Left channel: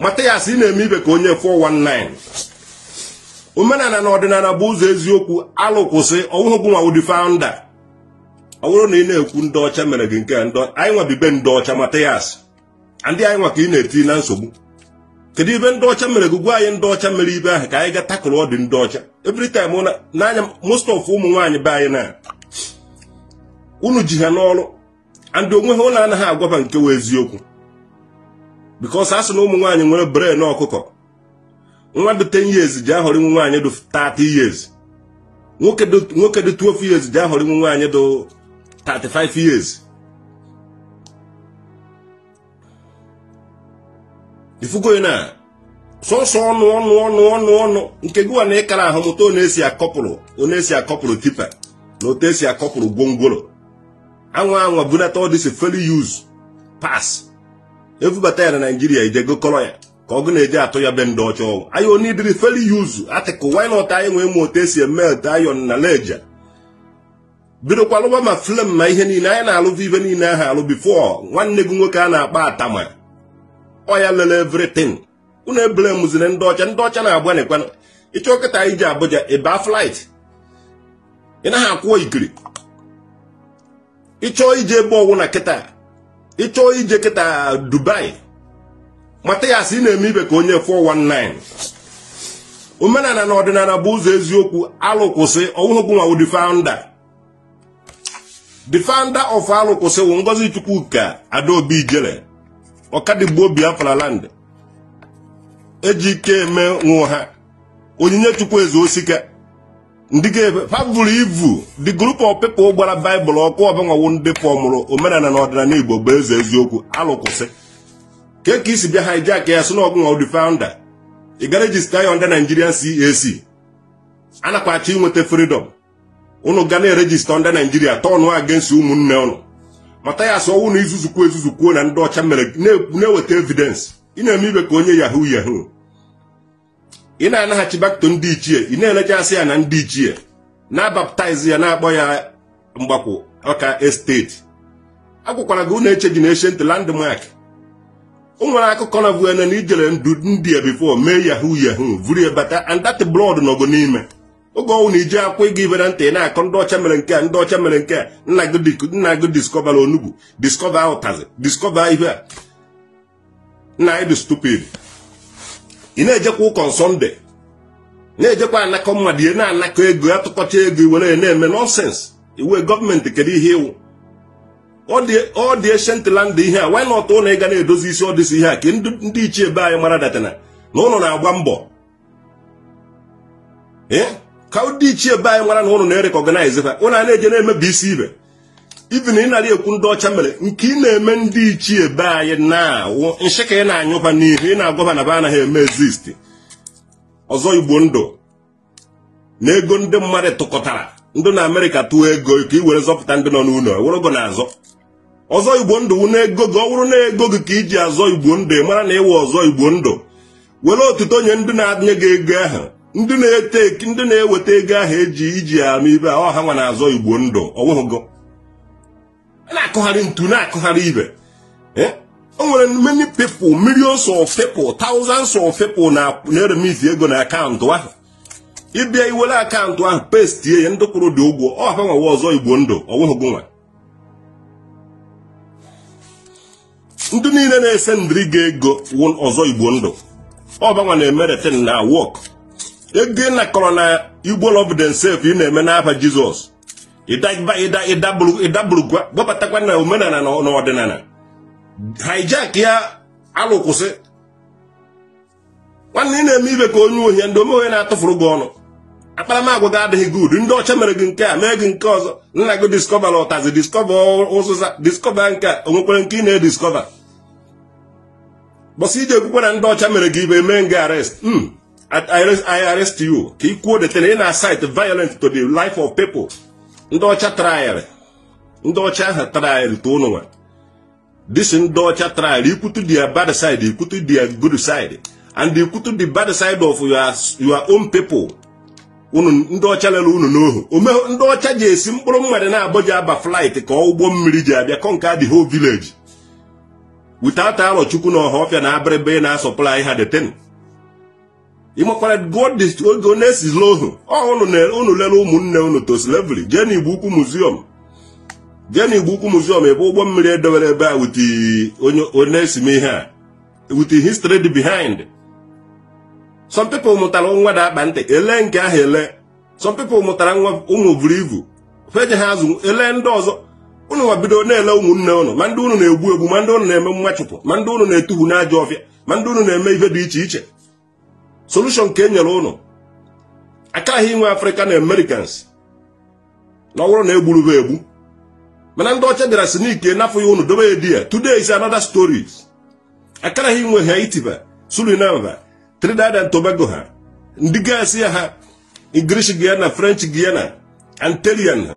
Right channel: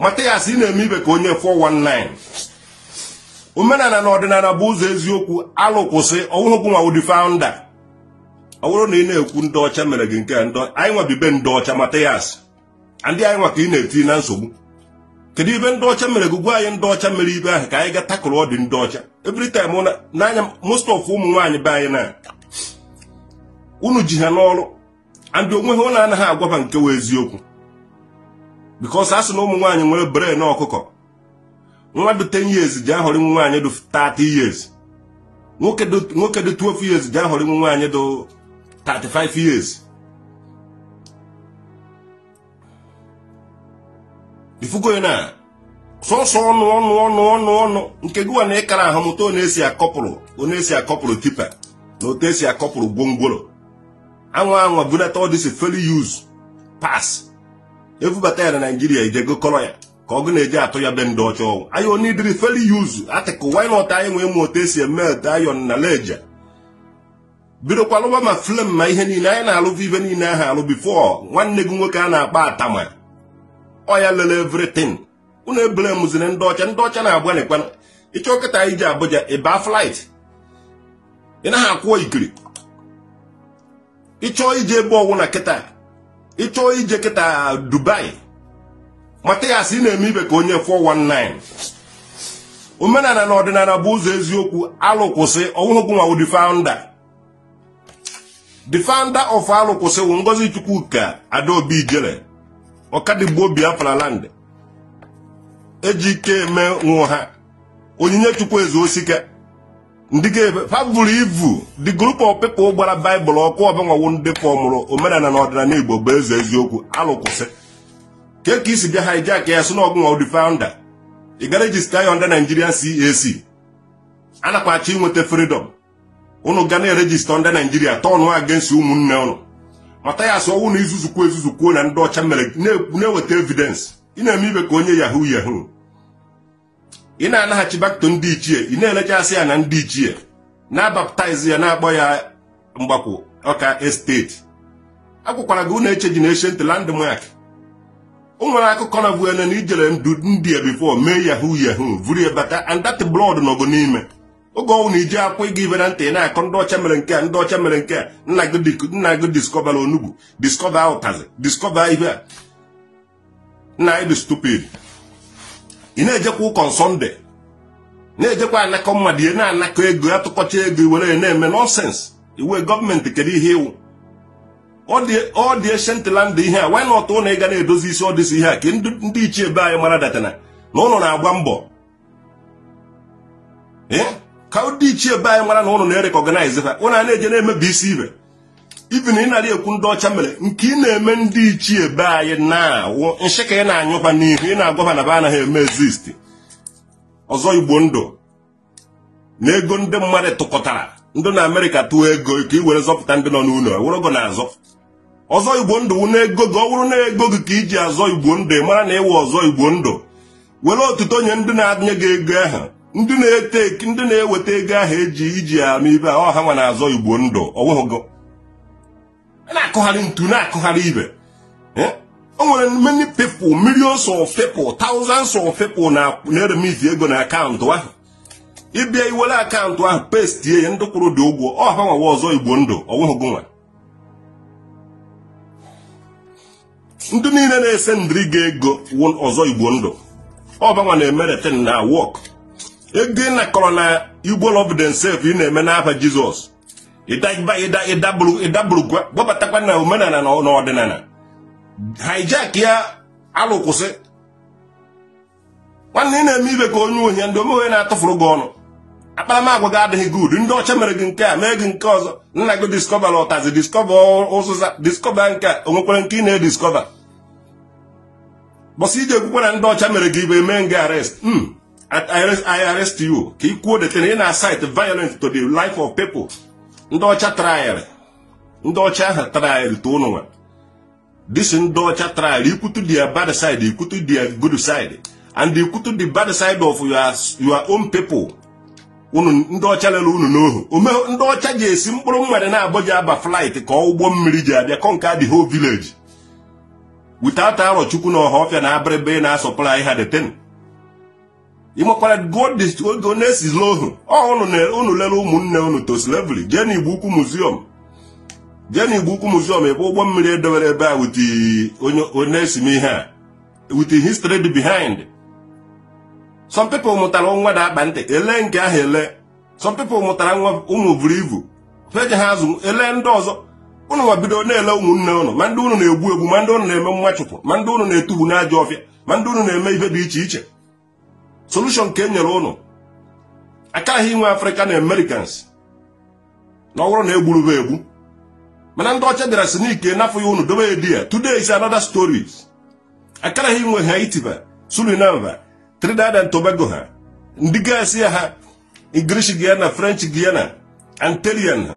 Mattias na-eme ibe ka onye 419 omenala na ọdịnala bụ ụzọ eziokwu alụkwụsị ọnwụgwụ nwa ụdị founder ọ bụrụ na ị na-ekwu ndị ọcha mere gị nke anyị nwabibe ndị ọcha Mattias ndị anyị nwa ka ị na-eti na nsogbu kedu ibe ndị ọcha mere gị gwa anyị ndị ọcha mere ibe ahụ ka anyị ga takụrụ ọdị ndị ọcha every time n'anya most of ụmụ nwaanyị be anyị na unu ji ha n'ọrụ and onwe ha ụlọ anaghị agwaba nke wee eziokwu because asị na ụmụ nwaanyị nwere brain ọkụkọ nwa dị 10 years ji ahọrọ ụmụ nwaanyị dị 30 years nwoke dị 12 years ji ahọrọ ụmụ nwaanyị dị 35 years ifugo na sọsọ ọnụ nke gịwa na ịkara ahụ mụta onye esi akọpụrụ tipa na otu esi akọpụrụ gwongworo anwa bunata ọ dịsị fairly use pass evubata ya na Nigeria ijego kọrọ ya ka ọ gụ na-eje atụ ya be ndị ọcha ọgwụ anyị onye ibiri fairly use atịkụ why not anyị nwee ma otu esi eme iron na leja bidokwalụwa ma film ma ihe niile anyị na-alụ ibe niile ahụ alụ before nwanne gị nwoke a na-akpa atama ọ ya lele everything unu ebele mụziri ndị ọcha na-agba n'ekwana ịchọ kịta anyị ji Abuja ịba flight ị naghị akwụọ ikiri ịchọ ije ebe ọgwụ na kịta ịchọ ije kịta Dubai Mattias na-eme ibe ka onye 419 omenala na ọdịnala bụ ụzọ eziokwu alụkwụsị ọnwụgwụ nwa ụdị founder the founder of alụkwụsị wụ Ngozi Chukwuka Adaobi Ijele ọkadigbo Biafra land ejike eme nwa ha onyinye Chukwu eze osika ndị ga-fabụrụ ivu the group of people gbara Bible ọkụ ọbanwawo ndị fọmụrụ omenala na ọdịnala Igbo bụ eze eziokwu alụkwụsị ka isi bịa hijack ya sị na ọgụ nwa ụdị founder ị ga register ya under Nigerian CAC anakwachi inweta freedom unu ga na-erejista under Nigeria tọnụ against ụmụnne unu Mattias ọwụ na izuzukwuo na ndị ọcha mere na-eweta evidence ị na-eme ibe ka onye yahoo ị na-anaghachi back to ndị ichie ị na-elechasị ya na ndị ichie na-baptize ya na-akpọ ya mgbakwo ọka estate akwụkwara gị unu eche ji na ancient landmark o nwere akụkọ na vuene na ijere ndị before mee yahoo vuru bata and that blood nọgo n'ime oge ọnwụ na ije akwa ịga ibe na ntị na-akọ ndị ọcha mere nke a ndị ọcha mere nke a nna gị discover onugbu discover ụtazi discover ihe a nna anyị dị stupid ị na-ejekwa ụkọ Sunday na-ejekwa anakọ mmadụ ihe na-anakọ ego atụkọcha ego iwere ya na-eme nonsense iwe gọọmenti kedu ihe iwu ọ dị ancient land ihe a why not na ịga na-edozi isi ọdịsi ihe a ka ndị ichie be anyị mara datana na ụnụ na-agba mbọ ka ndị ichie be anyị mara na ụnụ na-erekọganize ha ụnụ na-eje na-emebi isi ibe ibi na ị narị ekwu ndị ọcha mere nke ị na-eme ndị ichie be anyị na nshị ka ị na-anyụba n'ihu ị na-agwaba na be anaghị eme exist ọzọ Igbo ndụ na ego ndị mmadụ tụkọtara ndị na Amerịka tụọ ego ka ị were zọpụta ndị nọ n'ụlọ ewurogo na-azọ ọzọ Igbo ndụ wụ na ego gị ọ bụrụ na ego gị ka iji azọ Igbo ndụ ị mara na ịwụ ọzọ Igbo ndụ were otuto nye ndị na-adịnye gị ego ahụ ndị na-eweta ego ahụ iji ya n'ibe a ọha nwa na-azọ Igbo ndụ ọwụghụgo na-akụgharị ntu na-akụgharị ibe o nwere many people millions of people thousands of people na-eremiti ego na akaụntụ ahụ ịbịa iwere akaụntụ ahụ pestie ya ndị kwụrụ dị ụgwọ ọha nwawa ọzọ Igbo ndụ ọwụghụgo nwa ndị niile na-ese ndịrị gị ego ọzọ Igbo ndụ ọbanwa na-emeretin na wọk ego ị nakọrọ na Igbo love themselves ị na-eme n'afa Jizọs ịdabụrụ gwabatakwa na omenala na ọdịnala hijack ya alụkwụsị nwanne ị na-eme ibe ka onye uhie ndị omeonye na-atụfụrụ gị ọnụ akparamagwa gị adịghị good ndị ọcha mere gị nke a mee gị nke ọzọ nna gị discover ọtazi discover ụzụza discover nke a onwekwara nke ị na-ediskọva bọsị ije ekwukwe na ndị ọcha mere gị ibe mee gị arrest I arrest you ka ị kwuo detena ị na-asite violent to the life of people ndị ọcha trial ndị ọcha ahụ trial to ụnụ nwa disi ndị ọcha trial ikwutu their bad side ikwutu their good side and ikwutu the bad side of your own people unu ndị ọcha lere unu n'ohu ndị ọcha ji esi mkpụrụ mmadụ na-abụghị aba flight ka ụgbọ mmiri ji abịa kọnka the whole village without aro chukwu na ọhọfịa na abịrịbe na supply ha the thing. Ịmakwara God is honest is low. Unu lere ụmụnne unu to slavery. Jee n'Igbo Ukwu museum. Jee n'Igbo Ukwu museum ebe ụgbọ mmiri edewere ebe a with onye esime ihe a. With the history behind. Some people mụtara nwa da akpa ntị ele nke ahụ ele. Some people mụtara nwa ụmụ buru ibu. Feje ha azụ ele ndị ọzọ. Unu nwa bido na-ele ụmụnne unu ma ndị unu na-egbu egbu ma ndị unu na-eme mmachụpụ ma ndị unu na-etubu n'ajọ ọfịa ma ndị unu na-eme ihe dị iche iche. Solution ka e nyere unu akaghị inwe African Americans na ọwụrụ na egburu ha egbu mana ndị ọcha bịara si n'ike n'afọ ya unu dobe edi ya. Today is another stories. Akaghị inwe Haiti ba Suriname Trinidad and Tobago ha ndị gasị ha English Guiana French Guiana Antillean